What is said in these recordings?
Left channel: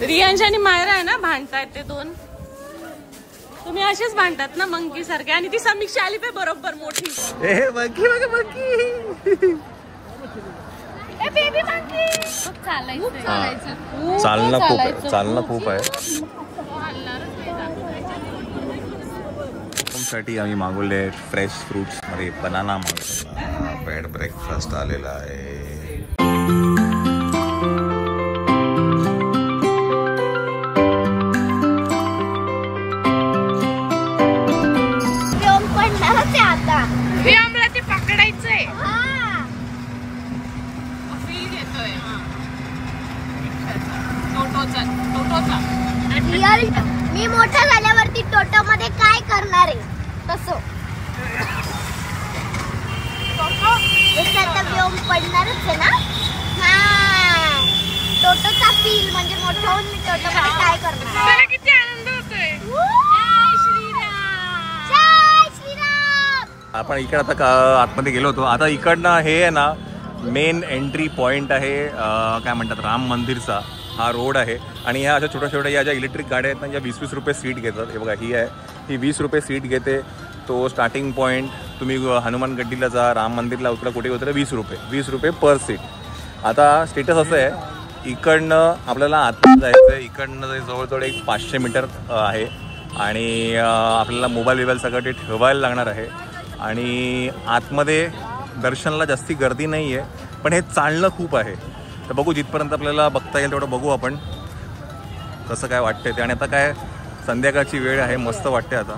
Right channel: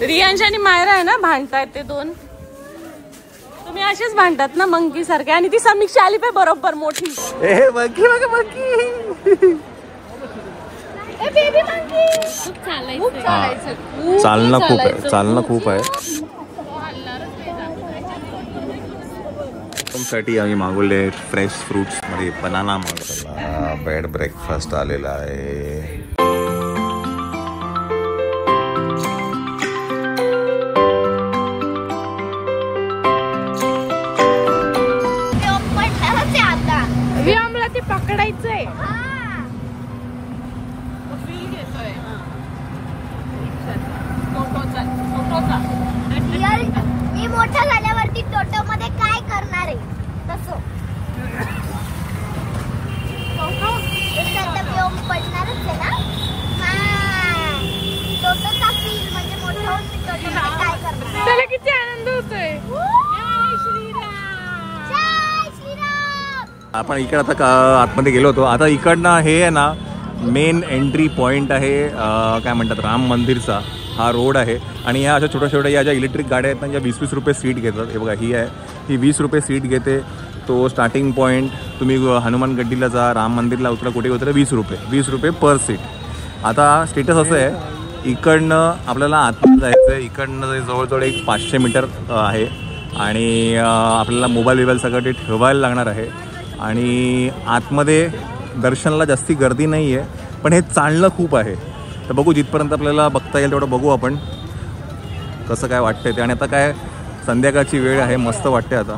रियांश आणि मायरा आहे ना, भांडतायत ते दोन. तुम्ही असेच भांडतात ना मंकी सारखे. आणि ती समीक्षा आली पाय बरोबर मोठी. मंकी बघा मंकी. Baby monkey. चालणं खूप आहे. साठी आम्ही मागवले फ्रेश फ्रुट्स मध्ये बनाना मसाला. बेड ब्रेकफास्ट आलेला आहे. रियामला ते पकडायचंय. मी मोठा झाल्यावरती टोटो मध्ये काय करणार आहे तसं पडणारच आहे ना. टोटोचा फील म्हणजे मोठा होऊन मी टोटो मध्ये काय करणार. त्याला किती आनंद होतोय. आपण इकडे आता आतमध्ये गेलो होतो. आता इकडनं हे आहे ना मेन एंट्री पॉइंट आहे, काय म्हणतात, राम मंदिरचा. हा रोड आहे. आणि ह्या अशा छोट्या छोट्या या ज्या इलेक्ट्रिक गाड्या आहेत ना, या 20-20 रुपये सीट घेतात. हे बघा, ही आहे, ही 20 रुपये सीट घेते. तो स्टार्टिंग पॉईंट तुम्ही हनुमान गड्डीला जा, राम मंदिरला उतरा, कुठे उतरा, 20 रुपये पर सीट. आता स्टेटस असं आहे, इकडनं आपल्याला आतमध्ये जायचं आहे. इकडनं जवळजवळ एक 500 मीटर आहे. आणि आपल्याला मोबाईल सगळं ते ठेवायला लागणार आहे. आणि आतमध्ये दर्शनाला जास्ती गर्दी नाही आहे, पण हे चालणं खूप आहे. तर बघू, जिथपर्यंत आपल्याला बघता येईल तेवढं बघू आपण कसं काय वाटतंय ते. आणि आता काय संध्याकाळची वेळ आहे, मस्त वाटते आता.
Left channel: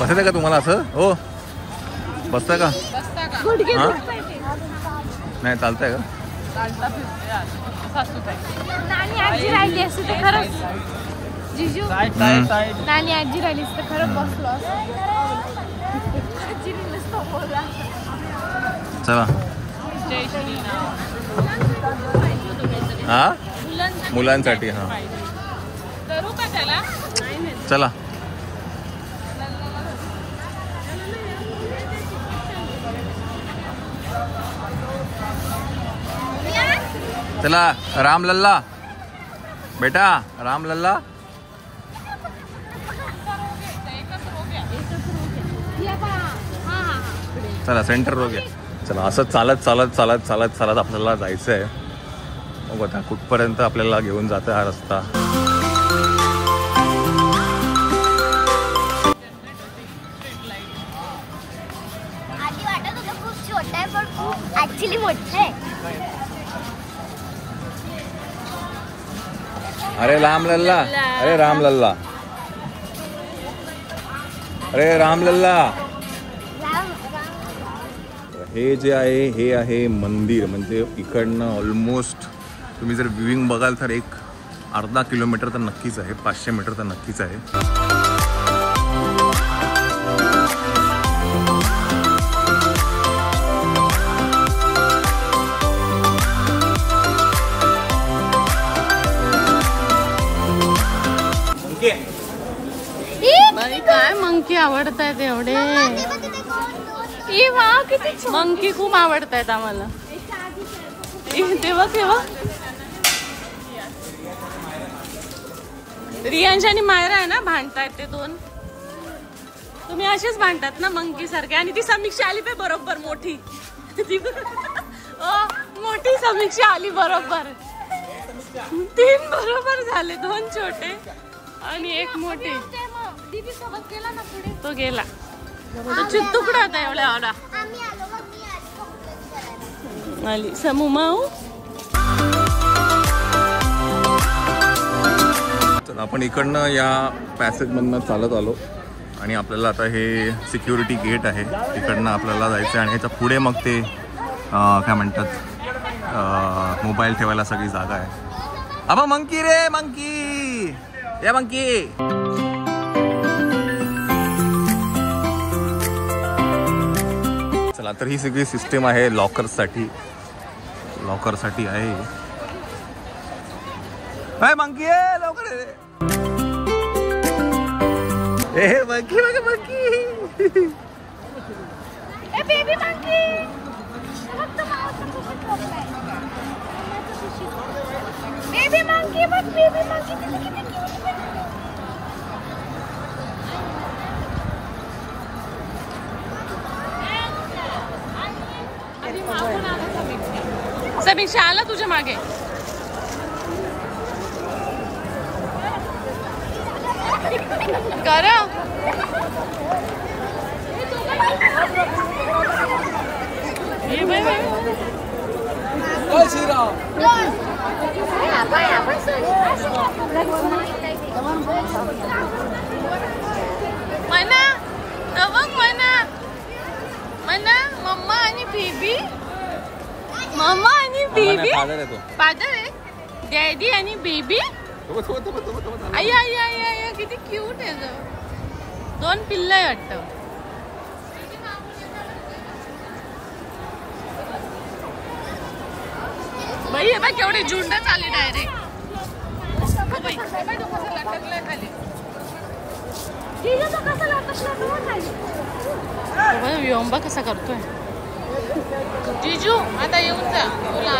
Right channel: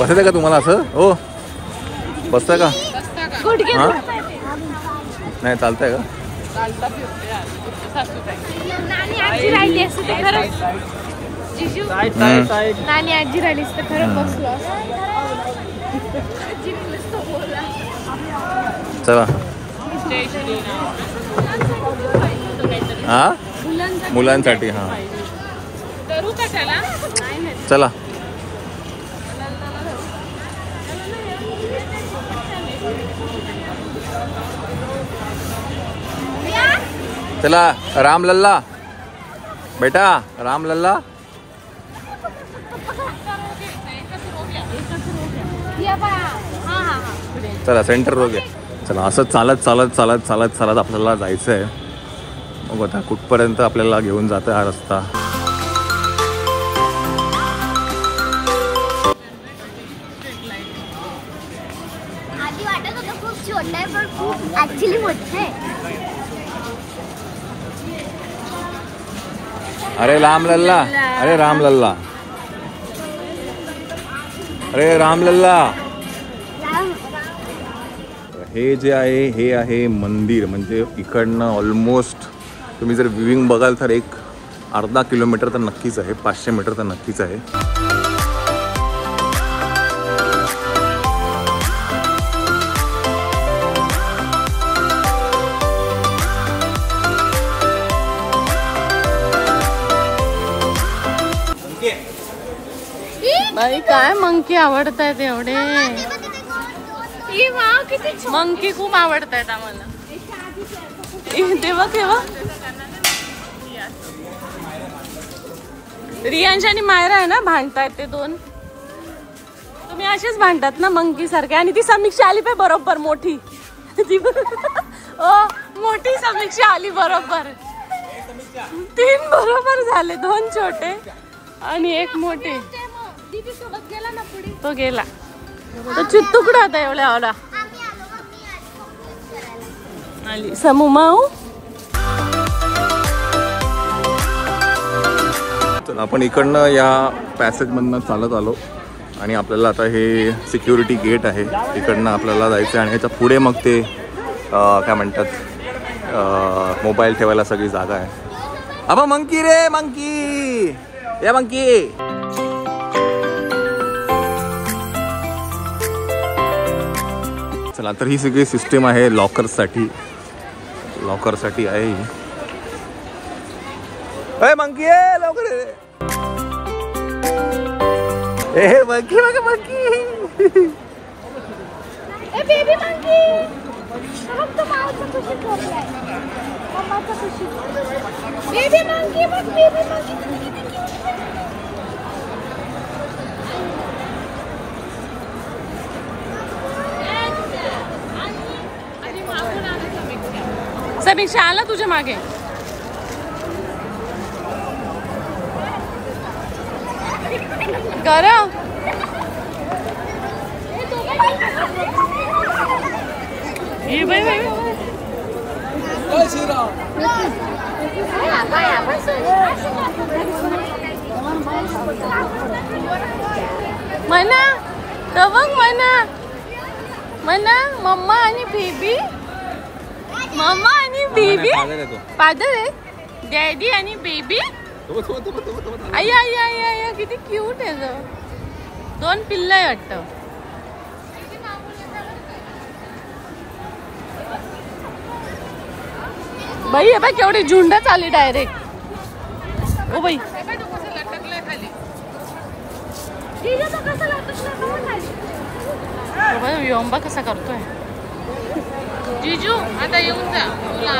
बसायचं का तुम्हाला असं? हो, बसता का? हा, नाही चालतंय का? नानी आजी राहिली असते तर खरंच. जिजू नानी आजी राहिली असते तर खरंच बसलो. चला. हा, मुलांसाठी. हा, करू का त्याला? चला. चला राम लल्ला, बेटा राम लल्ला. चला सेंटर रो घ्या. चला असं चालत आपल्याला जायचं आहे. बघू आता कुठपर्यंत आपल्याला घेऊन जातं हा रस्ता. अरे राम लल्ला, अरे राम लल्ला, अरे राम लल्ला. हे जे आहे हे आहे मंदिर. म्हणजे इकडनं ऑलमोस्ट तुम्ही जर व्ह्यूइंग बघाल तर एक अर्धा किलोमीटर तर नक्कीच आहे, 500 मीटर तर नक्कीच आहे. बाई काय मंकी आवडतायत एवढे. मंकी खूप आवडतायत आम्हाला. तेव्हा केव्हा रियांश आणि मायरा आहे ना, भांडतायत ते दोन. तुम्ही असेच भांडतात ना मंकी सारखे. आणि ती समीक्षा आली पाय बरोबर मोठी. मोठी समीक्षा आली बरोबर. 3 बरोबर झाले, 2 छोटे आणि 1 मोठे. तो गेला. तो चित्तुकडा होता एवढ्या आवडा. आली समू माऊ. आपण इकडनं या पॅसेजमधनं चालत आलो. आणि आपल्याला आता हे सिक्युरिटी गेट आहे, इकडनं आपल्याला जायचं. आणि ह्याच्या पुढे मग ते काय म्हणतात, मोबाईल ठेवायला सगळी जागा आहे. अबा मंकी रे, मंकी या मंकी. चला, तर ही सगळी सिस्टीम आहे लॉकरसाठी आहे. अरे मंकी आहे, लवकर ए मंकी बघा मंकी. बेबी मंकी फक्त मावचं खुशी झोपलाय मम्माचं खुशी बेबी मंकी बघ बेबी मंकी किती क्यूट समीक्षा आला तुझ्या मागे. कर ये बाई बाई म्हणा तर बघ म्हणा म्हणा मम्मा आणि बेबी मम्मा आणि बेबी फादर आहे डॅडी आणि बेबी आई आई आई आई किती क्यूट आहे ग. दोन पिल्ल आहे वाटतं. बाई हे बाई केवढी झुंड चालली डायरेक्ट. ओ बाई योंबा कसा करतोय. जिजू आता येऊन जा तुला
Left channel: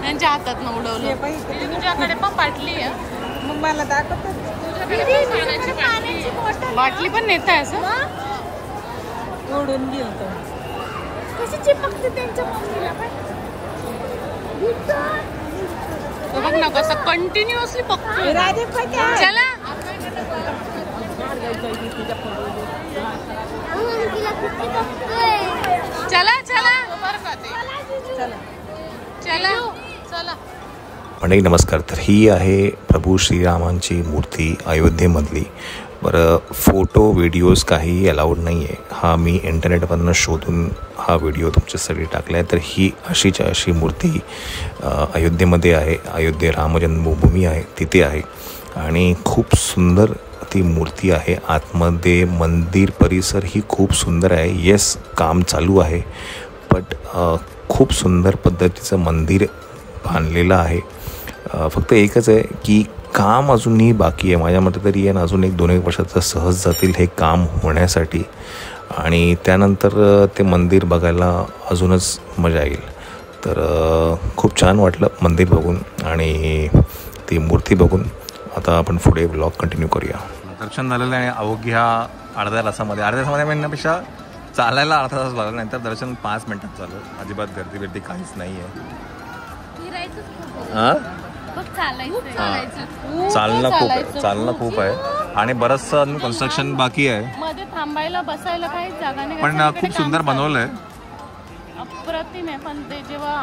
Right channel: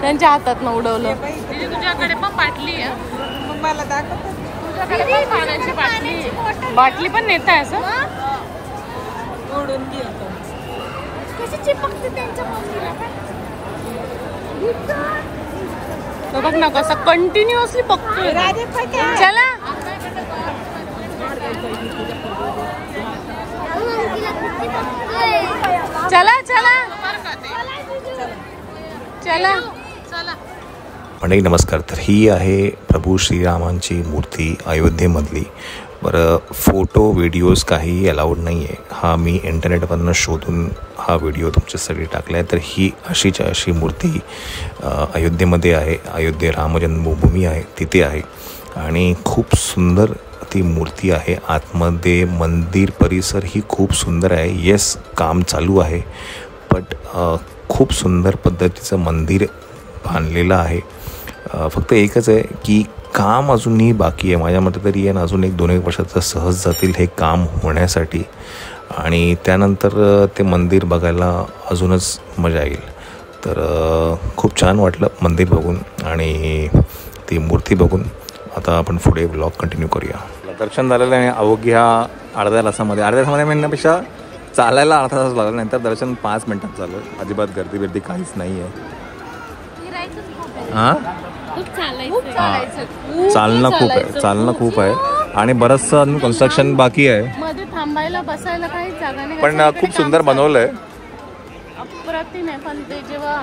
त्यांच्या हातात न उडवलं. तुझ्याकडे पण बाटली आहे बाटली पण नेत आहे असं बघ ना कसं कंटिन्युअसली बघतोय. चला चला चला चला चला. मंडळी नमस्कार. तर ही आहे प्रभू श्रीरामांची मूर्ती अयोध्येमधली. बरं फोटो व्हिडिओज काही अलाउड नाही आहे. हा मी इंटरनेटवरनं शोधून हा व्हिडिओ तुमच्यासाठी टाकला आहे. तर ही अशीच्या अशी मूर्ती अयोध्येमध्ये आहे. अयोध्ये रामजन्मभूमी आहे तिथे आहे आणि खूप सुंदर ती मूर्ती आहे. आतमध्ये मंदिर परिसर ही खूप सुंदर आहे. येस काम चालू आहे बट खूप सुंदर पद्धतीचं मंदिर बांधलेलं आहे. फक्त एकच आहे की काम अजूनही बाकी आहे. माझ्या मते तरी आहे ना अजून 1-2 वर्षाचं सहज जातील हे काम होण्यासाठी आणि त्यानंतर ते मंदिर बघायला अजूनच मजा येईल. तर खूप छान वाटलं मंदिर बघून आणि ती मूर्ती बघून. आता आपण पुढे व्लॉग कंटिन्यू करूया. दर्शन झालेलं आहे अवघ्या अर्ध्या तासामध्ये म्हणण्यापेक्षा चालायला अर्धा तास लागला. नंतर दर्शन 5 मिनिटात झालं. अजिबात गर्दी बिर्दी काहीच नाही आहे. हां चालणं खूप आहे आणि बरंचसं अजून कन्स्ट्रक्शन बाकी आहे. मध्ये थांबायला बसायला काही जागा नाही पण खूप सुंदर बनवलंय. अप्रतिम आहे पण ते जेव्हा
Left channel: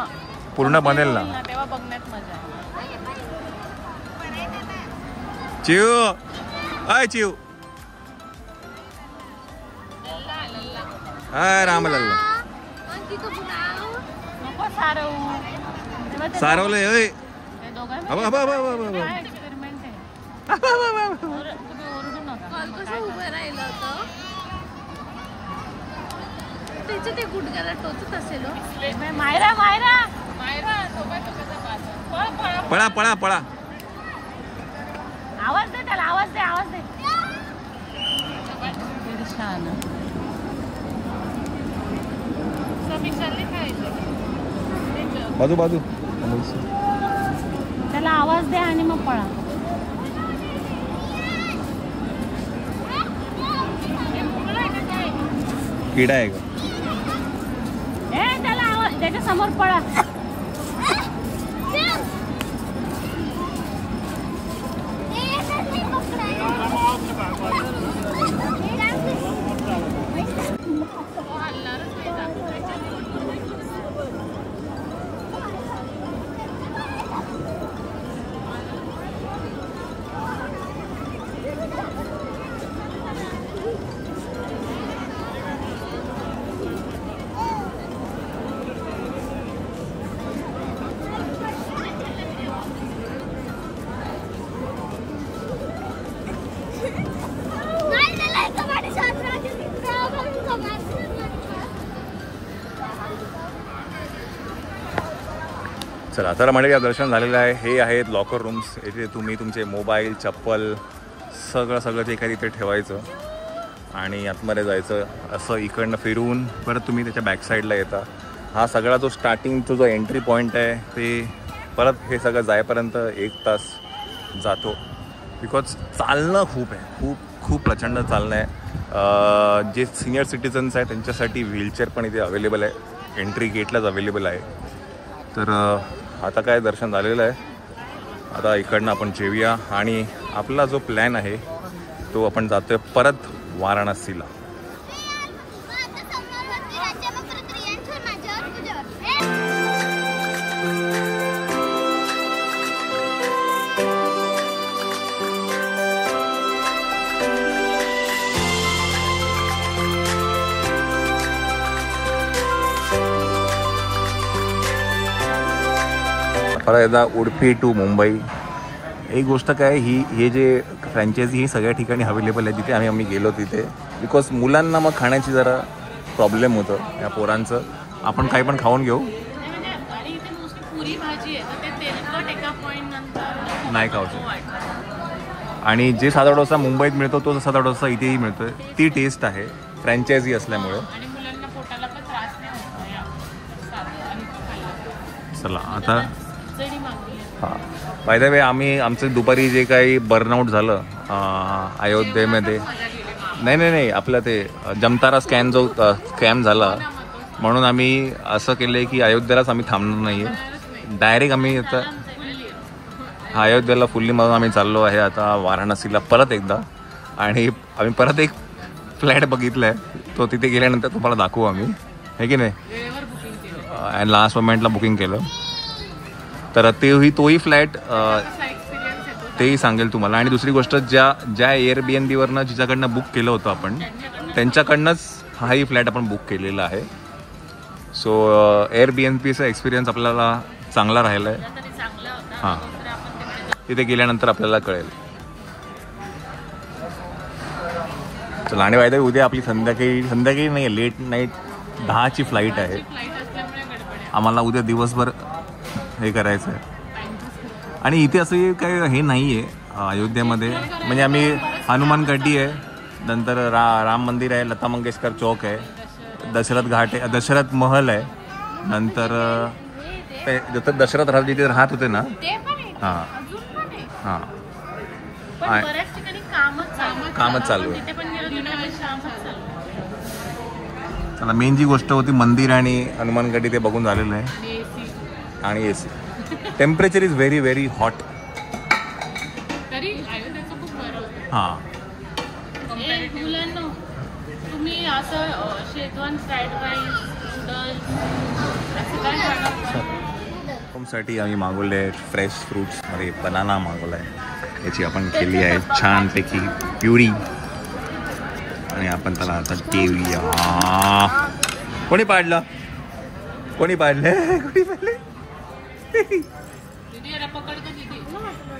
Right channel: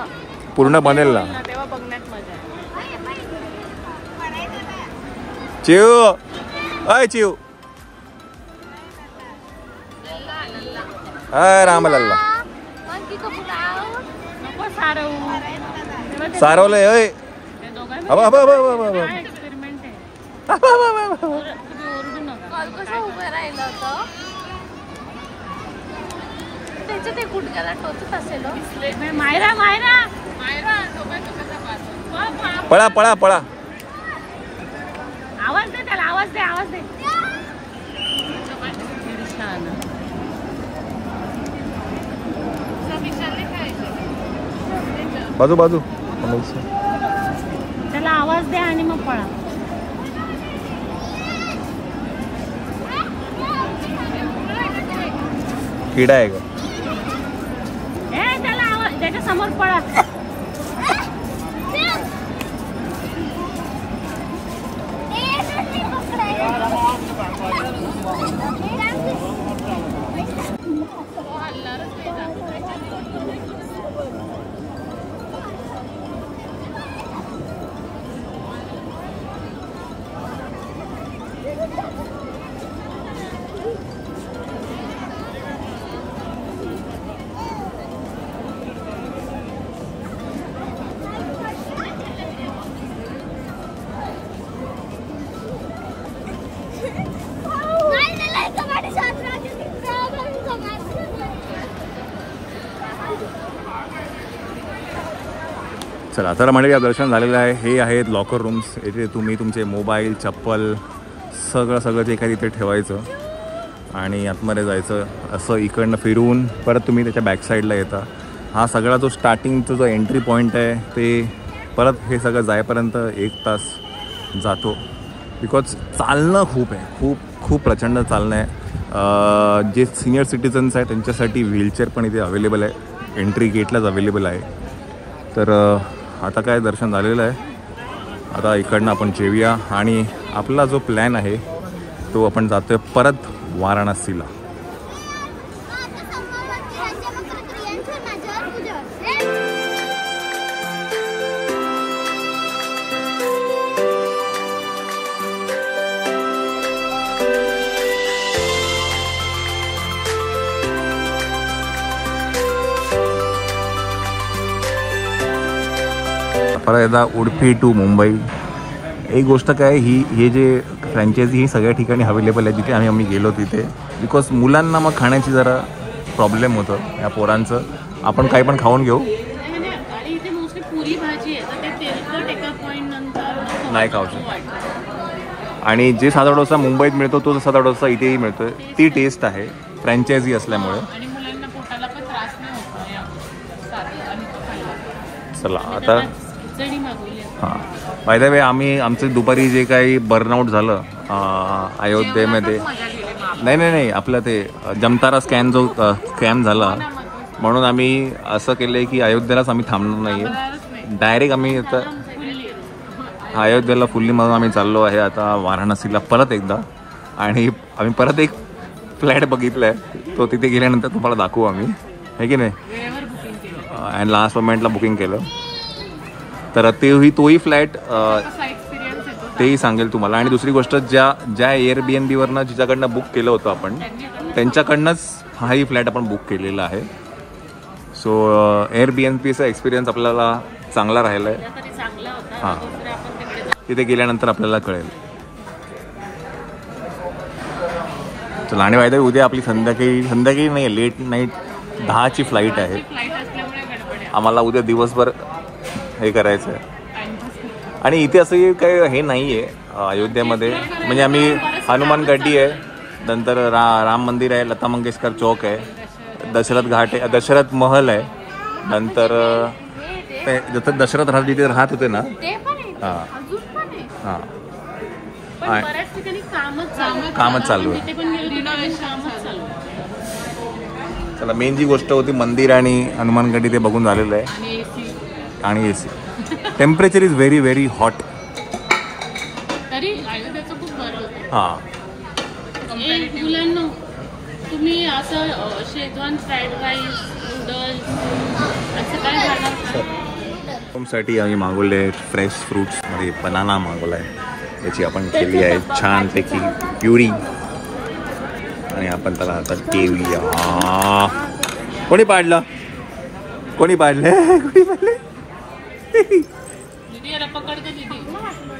पूर्ण बनेल ना तेव्हा बघण्यात मजा. चिव अय चिव अय रामलल्ला सारवलंय अय अबा अबा अबा अबा अबा पळा पळा पळा. आवाज दे त्याला आवाज दे आवाज दे. बाजू बाजू त्याला आवाज दे आणि मग पळा. किडा आहे का त्याला आवाज त्याच्या समोर पळा. चला तर म्हणजे दर्शन झालेलं आहे. हे आहेत लॉकर रूम्स. येथे तुम्ही तुमचे मोबाईल चप्पल सगळं जे काही तिथे ठेवायचं आणि आतमध्ये जायचं. असं इकडनं फिरून परत तुम्ही त्याच्या बॅकसाईडला येता. हा सगळा जो स्टार्टिंगचा जो एंट्री पॉईंट आहे ते परत हे सगळं जायपर्यंत 1 तास जातो. बिकॉज चालणं खूप आहे, खूप प्रचंड चालणं आहे. जे सिनियर सिटीजन्स आहेत त्यांच्यासाठी व्हीलचेअर पण इथे अवेलेबल आहे, एंट्री गेटलाच अवेलेबल आहे. तर आता काय दर्शन झालेलं आहे. आता इकडनं आपण जेवूया आणि आपला जो प्लॅन आहे तो आपण जातोय परत वाराणसीला. परत एकदा उडुपी टू मुंबई. एक गोष्ट काय, हे जे फ्रँचायझी ही सगळ्या ठिकाणी अवेलेबल आहे जिथे आम्ही गेलो तिथे. बिकॉज मुलांना मग खाण्याची जरा प्रॉब्लेम होतं ह्या पोरांचं. आपण काही पण खाऊन घेऊ नाही खाऊ शकत. आणि जे साधा डोसा मुंबईत मिळतो तो साधा डोसा इथेही मिळतोय. ती टेस्ट आहे फ्रँचायझी असल्यामुळे. चला आता हां, बाय द वे आमचं दुपारी जे काही बर्नआउट झालं अयोध्येमध्ये, नाही आपलं ते जमतारा स्कॅम झाला म्हणून आम्ही असं केलं आहे की अयोध्येलाच आम्ही थांबणार नाही आहे. डायरेक्ट आम्ही आता अयोध्येला फुल्ली मारून आम्ही चाललो आहे आता वाराणसीला परत एकदा. आणि आम्ही परत एक फ्लॅट बघितला आहे, तो तिथे गेल्यानंतर तुम्हाला दाखवू आम्ही, आहे की नाही. आणि लास्ट मोमेंटला बुकिंग केलं तर तोही फ्लॅट तेही सांगेल तुम्हाला. आणि दुसरी गोष्ट, ज्या एअरबीएनबीवरनं जिच्याकडनं बुक केलं होतं आपण त्यांच्याकडनंच हाही फ्लॅट आपण बुक केलेला आहे. सो एअरबीएनबीचा एक्सपिरियन्स आपल्याला चांगला राहिला आहे. हां, तिथे गेल्यानंतर आपल्याला कळेल. चला, आणि माहिती आहे उद्या आपली संध्याकाळी नाही, लेट नाईट 10ची फ्लाईट आहे. आम्हाला उद्या दिवसभर हे करायचं आहे. आणि इथे असं काही हे नाही आहे अयोध्येमध्ये. म्हणजे आम्ही हनुमान गड्डी आहे, नंतर राम मंदिर आहे, लता मंगेशकर चौक आहे, दशरथ घाट आहे, दशरथ महल आहे, नंतर जसं दशरथ जिथे राहत होते ना. हां हां, कामच चालू. चला, मेन जी गोष्ट होती मंदिर आणि हनुमान गड्डी ते बघून झालेलं आहे. आणि temperature is very very hot. हां, मुलांना तुम्ही असं शेजवान फ्राईड राईस, नूडल्स असं काय खाणार? साठी आम्ही मागवले फ्रेश फ्रूट्समध्ये बनाना मागवला आहे. याची आपण केली आहे छानपैकी प्युरी आणि आपण त्याला आता ठेवूया. कोणी पाडलं?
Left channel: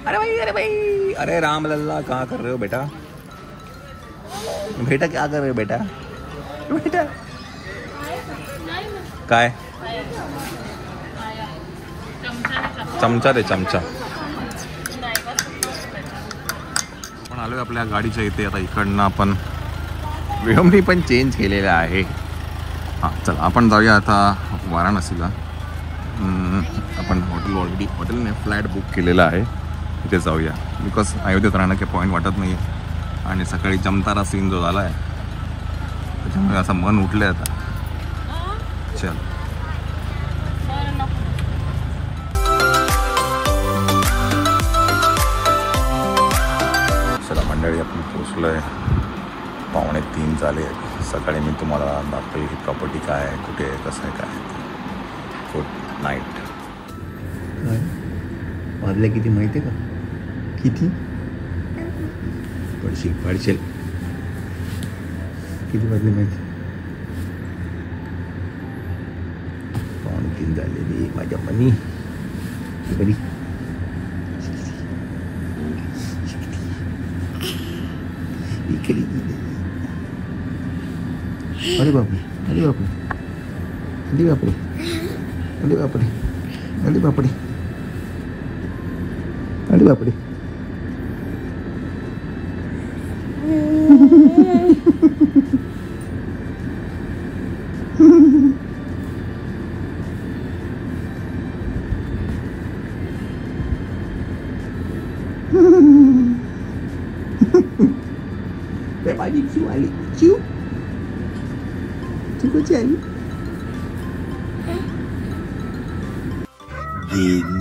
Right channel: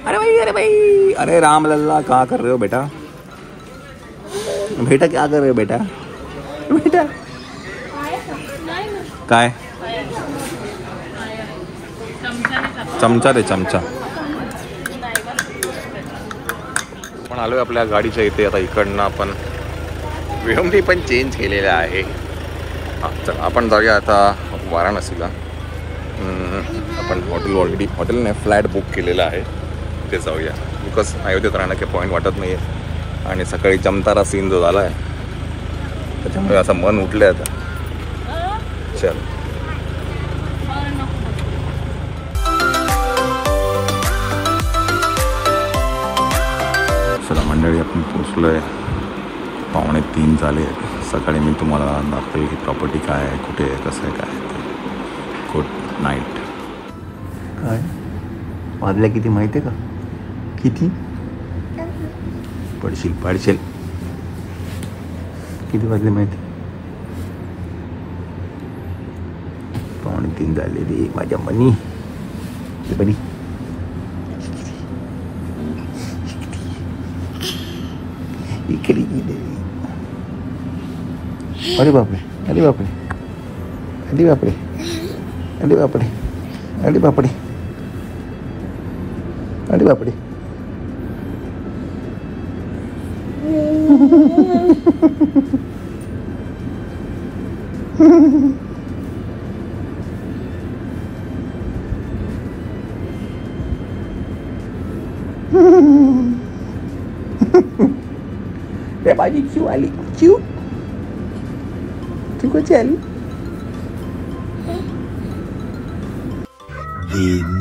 अरे भाई अरे राम लल्ला, क्या कर रहे हो बेटा? क्या कर रहे हो बेटा? काय चमचा दे, चमचा. आपण आलोय आपल्या गाडीच्या इथे. आता इकडनं आपण विळंबी पण चेंज केलेला आहे. हां, चला आपण जाऊया आता वाराणसीला. आपण हॉटेल नाही, फ्लॅट बुक केलेला आहे, तिथे जाऊया. बिकॉज अयोध्येत राहण्याचे पॉईंट वाटत नाही आहे. आणि सकाळी जमतारा सीन जो झाला आहे त्याच्यामुळे असं मन उठलं आहे आता. चल, मंडळी आपण पोचलो आहे. 2:45 झाले. सकाळी मी तुम्हाला दाखवेल ही प्रॉपर्टी काय आहे, कुठे आहे, कसं आहे, काय आहे. Good night. काय वाजल्या किती माहिती आहे का? किती पडशील किती वाजले माहिती? 2:45 झालेली. माझ्या मनी बरी इकडे गेले. अरे बापरे, अरे बापरे, अरे बापरे, अरे बापरे, अरे बापरे, अरे बापरे. माझी चिव आली. चिव कशी आली?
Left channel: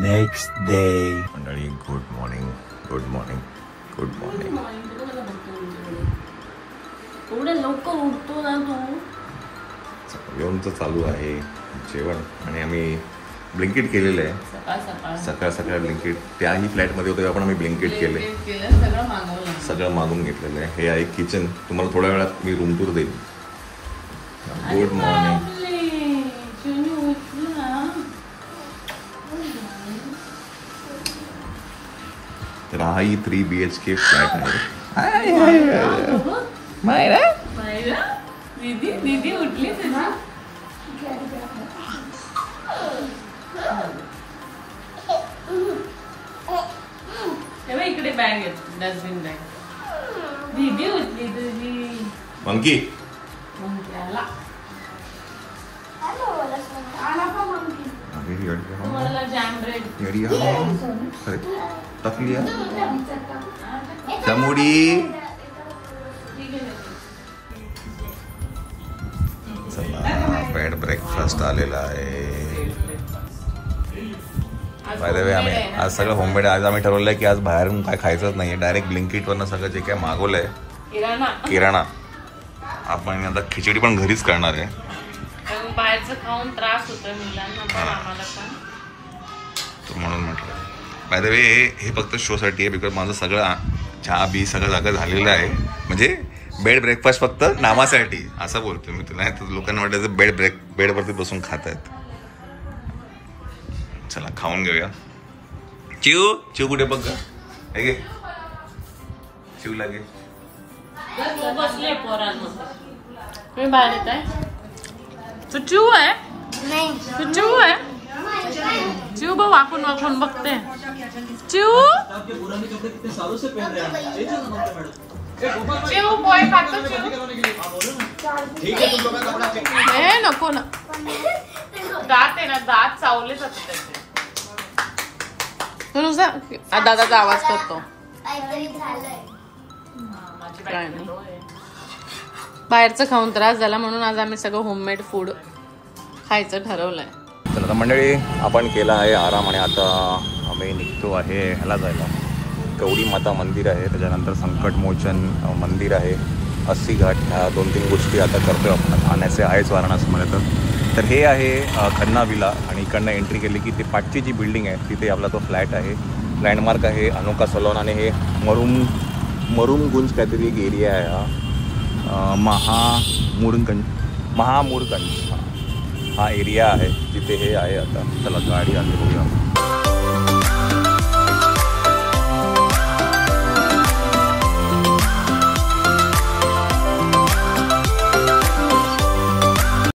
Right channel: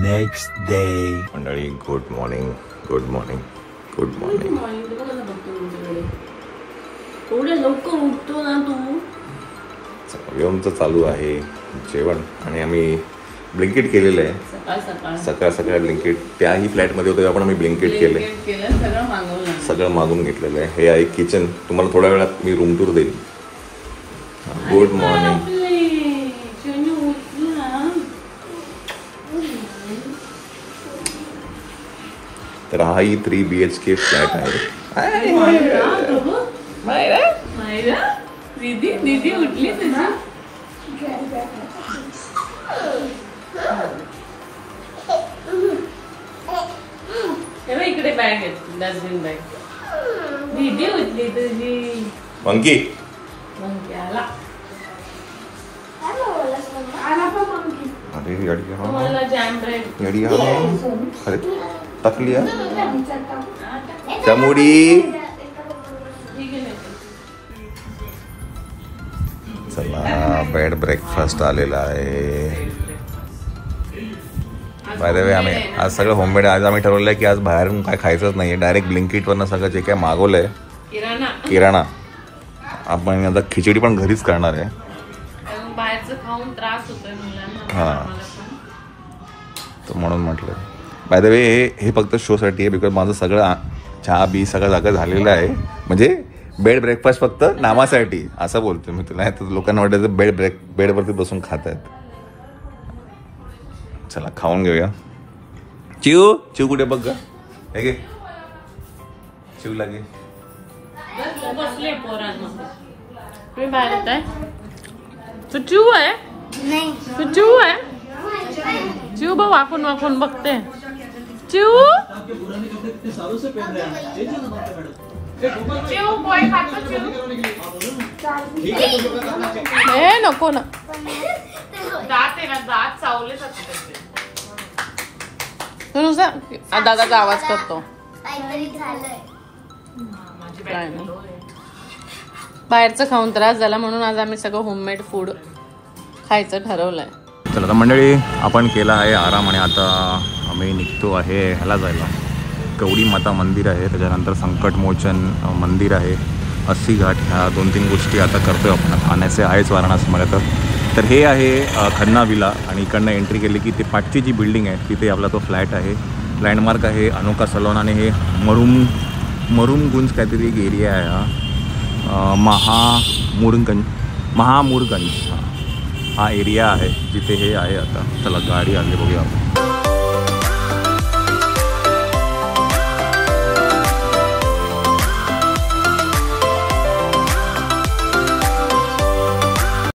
Next day. मंडळी, good morning. Good morning. Good morning. थोडं लवकर उठतो ना तू. आमचं चालू आहे जेवण आणि आम्ही ब्लिंकिट केलेलं आहे. सकाळ सकाळ ब्लिंकिट. त्याही फ्लॅटमध्ये होते आपण आम्ही ब्लिंकिट केलंय. सगळं मागून घेतलेलं आहे. हे आहे किचन. तुम्हाला थोड्या वेळात मी रूम टूर देईल. Good morning. तर हाही 3 BHK फ्लॅट आहे. दीदी उठली तुझी. इकडे बॅग आहे, डस्टबिन बॅग. दीदी उठली तुझी. मंकी आला. अरे टाकली चमुडी. चला, बेड ब्रेकफास्ट आलेला आहे. बाय द वे, आम्ही आज सगळं होममेड. आज आम्ही ठरवलंय की आज बाहेरून काय खायचंच नाही. डायरेक्ट ब्लिंकिटवरनं सगळं जे काय मागवलंय किराणा, आपण आता खिचडी पण घरीच करणार आहे. बाहेरचं खाऊन त्रास होतोय मुलांना. हां, तर म्हणून म्हटलं. बाय द वे, हे फक्त शोसाठी आहे. बिकॉज माझं सगळं चहा बी सगळं जागा झालेलं आहे. म्हणजे बेड ब्रेकफास्ट फक्त नामासाठी असं बोलतो मी तुला. तर लोकांना वाटायचं बेडवरती बसून खात आहेत. चला, खाऊन घेऊया. चिव कुठे बघ ग. हे घे, चिव लागेल. बसले पोरांमध्ये. तुम्ही बाहेर येत आहे. तू चिव आहे. तू चिव आहे. चिव बघ, वाकून वाकून बघते. चिव हे नको ना. दात आहे ना, दात चावले जाते. दादाचा आवाज करतो. काय नाही, बाहेरचं खाऊन त्रास झाला म्हणून आज आम्ही सगळं होममेड फूड खायचं ठरवलंय. चला तर मंडळी, आपण केला आहे आराम आणि आता आम्ही निघतो आहे ह्याला जायला. गौरी माता मंदिर आहे, त्याच्यानंतर संकटमोचन मंदिर आहे, अस्सी घाट. ह्या 2-3 गोष्टी आता करतोय आपण. खाण्याचे आहेच वाराणसीमध्ये. तर हे आहे खन्ना विला आणि इकडनं एंट्री केली की ती पाठची जी बिल्डिंग आहे तिथे आपला तो फ्लॅट आहे. लँडमार्क आहे अनुका सलोन आणि हे मरुमगुंज काहीतरी एरिया आहे हा. महामूरगंज हा एरिया आहे जिथे हे आहे. आता चला गाडी आली बघूया आपण.